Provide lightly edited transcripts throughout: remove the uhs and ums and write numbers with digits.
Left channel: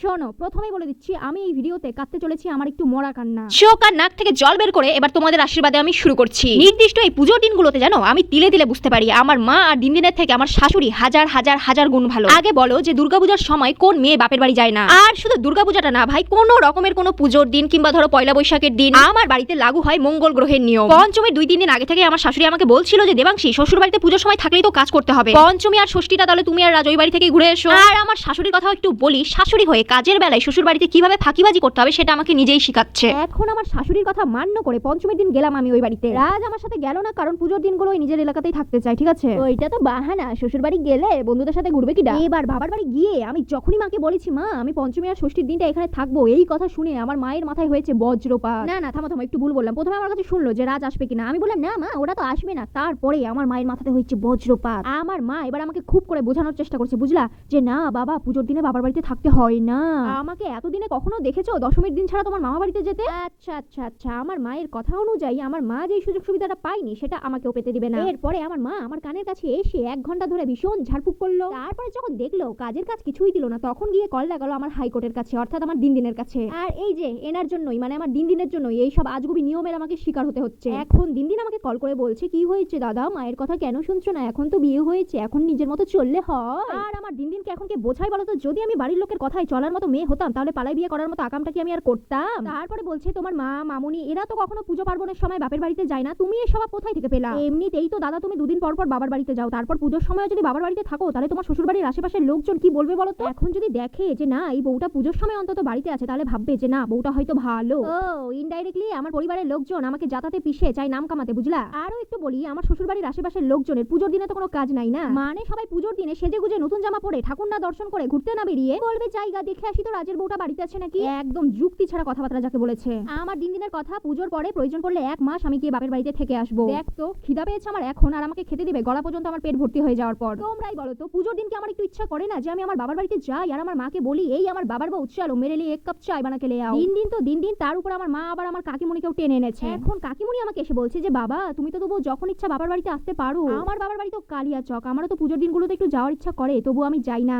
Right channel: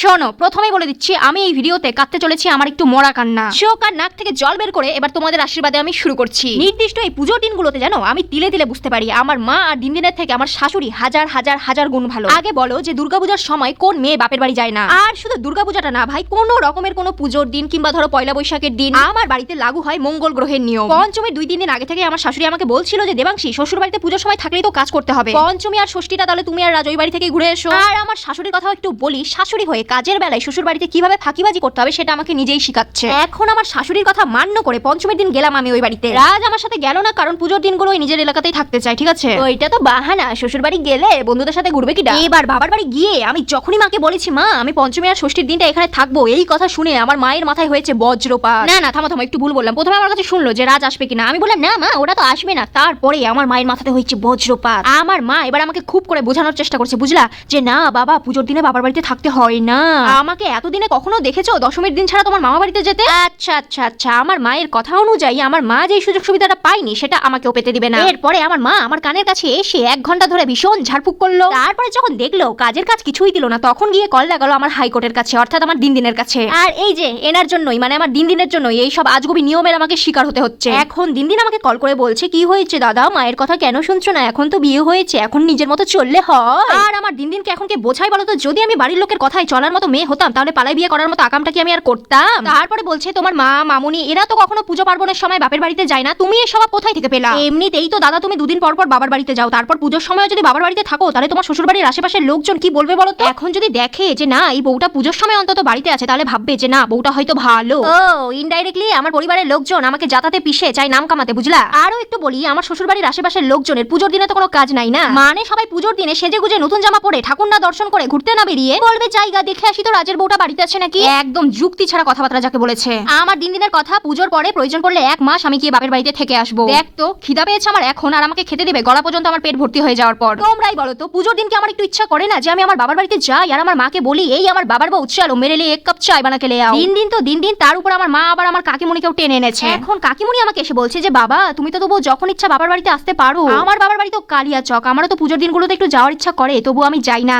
শোনো, প্রথমেই বলে দিচ্ছি আমি এই ভিডিওতে কাঁদতে চলেছি আমার একটু মরা কান্না। চোখ আর নাক থেকে জল বের করে এবার তোমাদের আশীর্বাদে আমি শুরু করছি। নির্দিষ্ট এই পুজোর দিনগুলোতে জানো আমি তিলে তিলে বুঝতে পারি আমার মা আর দিনের থেকে আমার শাশুড়ি হাজার হাজার হাজার গুণ ভালো। আগে বলো যে দুর্গাপূজার সময় কোন মেয়ে বাপের বাড়ি যায় না? আর শুধু দুর্গাপূজাটা না ভাই, কোনো রকমের কোনো পুজোর দিন কিংবা ধরো পয়লা বৈশাখের দিন আমার বাড়িতে লাগু হয় মঙ্গল গ্রহের নিয়ম। পঞ্চমীর 2-3 দিন আগে থেকে আমার শাশুড়ি আমাকে বলছিল যে দেবাংশী, শ্বশুর বাড়িতে পুজোর সময় থাকলেই তো কাজ করতে হবে, পঞ্চমী আর ষষ্ঠীটা তাহলে তুমি আর রাজই বাড়ি থেকে ঘুরে এসো। আর আমার শাশুড়ির কথাও একটু বলি, শাশুড়ি হয়ে কাজের বেলায় শ্বশুর বাড়িতে কিভাবে ফাঁকিবাজি করতে হবে সেটা আমাকে নিজেই শিখাচ্ছে। এখন আমার শাশুড়ির কথা মান্য করে পঞ্চমীর দিন গেলাম আমি ওই বাড়িতে। রাজ আমার সাথে গেল না, কারণ পুজোর দিনগুলো ওই নিজের এলাকাতেই থাকতে চাই, ঠিক আছে? ওইটা তো বাহানা, শ্বশুর বাড়ি গেলে বন্ধুদের সাথে ঘুরবে কিনা। এবার বাবার বাড়ি গিয়ে আমি যখনই মাকে বলেছি মা আমি পঞ্চমী আর ষষ্ঠীর দিনটা এখানে থাকবো, এই কথা শুনে আমার মায়ের মাথায় হয়েছে বজ্রপাত। না না থামো থামো, একটু ভুল বললাম। প্রথমে আমার কাছে শুনলো যে রাজ আসবে কিনা, আমি বললাম না মা ওরা তো আসবে না। তারপরে আমার মায়ের মাথাতে হয়েছে বজ্রপাত। আমার মা এবার আমাকে খুব করে বোঝানোর চেষ্টা করছে, বুঝলা, যে না বাবা পুজোর দিনে বাবার বাড়িতে থাকতে হয় না। আমাকে এতদিনে কখনো দেখেছো দশমীর দিন ছাড়া তোমার মামা বাড়িতে যেতে? আচ্ছা আচ্ছা আচ্ছা, আমার মায়ের কথা অনুযায়ী আমার মা যেই সুযোগ সুবিধাটা পাইনি সেটা আমাকেও পেতে দিবে না। এরপরে আমার মা আমার কানের কাছে এসে 1 ঘন্টা ধরে ভীষণ ঝাড়ফুঁক করলো। তারপরে যখন দেখলো কাজের কাজ কিছুই দিল না, তখন গিয়ে কল লাগালো আমার হাইকোর্টের কাছে, অর্থাৎ আমার দিনের কাছে। আর এই যে এনার জন্যই, মানে আমার দিনের জন্যই এই সব আজগুবি নিয়মের আমাকে শিকার হতে হচ্ছে। এখন দিন আমাকে কল করে বলছে কি হয়েছে দাদা, মায়ের কথা কেন শুনছো না? এখন তো বিয়ে হয়েছে, এখন নিজের মতো চললে হয়। আর আমার দিনকে এখন কে বোঝাই বলো তো? যদি আমি বাড়ির লোকের কথায় চলার মতো মেয়ে হতাম তাহলে পালাই বিয়ে করার মতো আকামটা কি আমি আর করতাম? তারপরে বলছে তোমার মা মামুনি এরা তো কখনো পুজো পার্বণের সময় বাপের বাড়িতে যায় না, তুমি এই স্বভাব কোথায় থেকে পেলা? এমনিতেই তো দাদা তুমি 2 দিন পর পর বাবার বাড়িতে যাও, তারপর পুজোর সময় যদি বাবার বাড়িতে থাকো তাহলে তোমার শ্বশুর বাড়ির আশেপাশের লোকজন কি বলবে বলো তো? এখন যদি দেখে যে না এই বউটা পুজোর সময় অন্তত বাড়িতে আছে তাহলে ভাববে যে না বউটা হয়তো ভালো। ও ইনডাইরেক্টলি আমার পরিবারের লোকজন আমাকে জাতাতে পিষে চাই নাম কামাতে, বুঝলা? আরো একটু বলি, আমার শ্বশুর বাড়ির আশেপাশের লোকজনের পুজোর দিনে তো কোনো কাজ নাই না, মানে সবাই পুজোর দিনে সেজে গুজে নতুন জামা পরে ঠাকুর না দর্শন করে ঘুরতে না বেরিয়ে বলবে জায়গা দেখে আসি তো রাজের বউটা বাড়িতে আছে নাকি। একদম যুক্তি ছাড়া কথাবার্তা যাকে বলেছে। আমার দিনের কথা, পুজোর পরে প্রয়োজন পড়লে 1 মাস আমি গিয়ে বাপের বাড়িতে থেকে আসবো। দেখ তো খিদা পেয়েছে আমার এখন, আর আমাকে খেতে দেবে গলা পর্যন্ত আমার পেট ভর্তি হয়ে যাওয়ার পর। তোমরাই বলো তো পুজোর দিনকে আমার একটু ইচ্ছা করে না যে আমি আমার বাবার বাড়িতে যাই আর আমার মাকে বলি এই আমার বাবার বউ চলো মেরে লিয়ে 1 কাপ চায় বানাকে লে আও। দিন তার উপর আমার মা আবার আমার কাকিমুনিকেও টেনে এনেছে। এখন কাকিমুনি আমাকে এসে বলছে যে বাবা তুমি তো তবু যখন ইচ্ছা বাবার বাড়িতে আসতে পারো। আমার বাবার বাড়ি তো কালিয়াচক, আমারও তো পুজোর দিনগুলোতে একটু যাওয়ার ইচ্ছা করে, তবু আমি যাই না।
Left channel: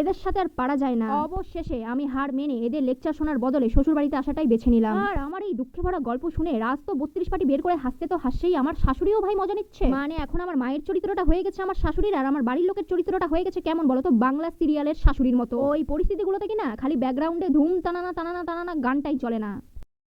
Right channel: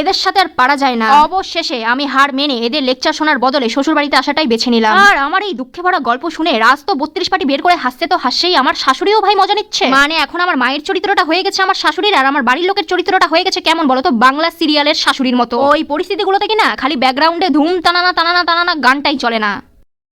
এদের সাথে আর পারা যায় না। অবশেষে আমি হার মেনে এদের লেকচার শোনার বদলে শ্বশুর বাড়িতে আসাটাই বেছে নিলাম। আর আমার এই দুঃখে ভরা গল্প শুনে রাজ তো 32 পাটি বের করে হাসছে তো হাসছেই, আমার শাশুড়িও ভাই মজা নিচ্ছে। মানে এখন আমার মায়ের চরিত্রটা হয়ে গেছে আমার শাশুড়ির, আর আমার বাড়ির লোকের চরিত্রটা হয়ে গেছে কেমন বলো তো, বাংলা সিরিয়ালের শাশুড়ির মতো। ওই পরিস্থিতিগুলোতে কিনা খালি ব্যাকগ্রাউন্ডে ধুম টানানা টানানা টানানা গানটাই চলে না।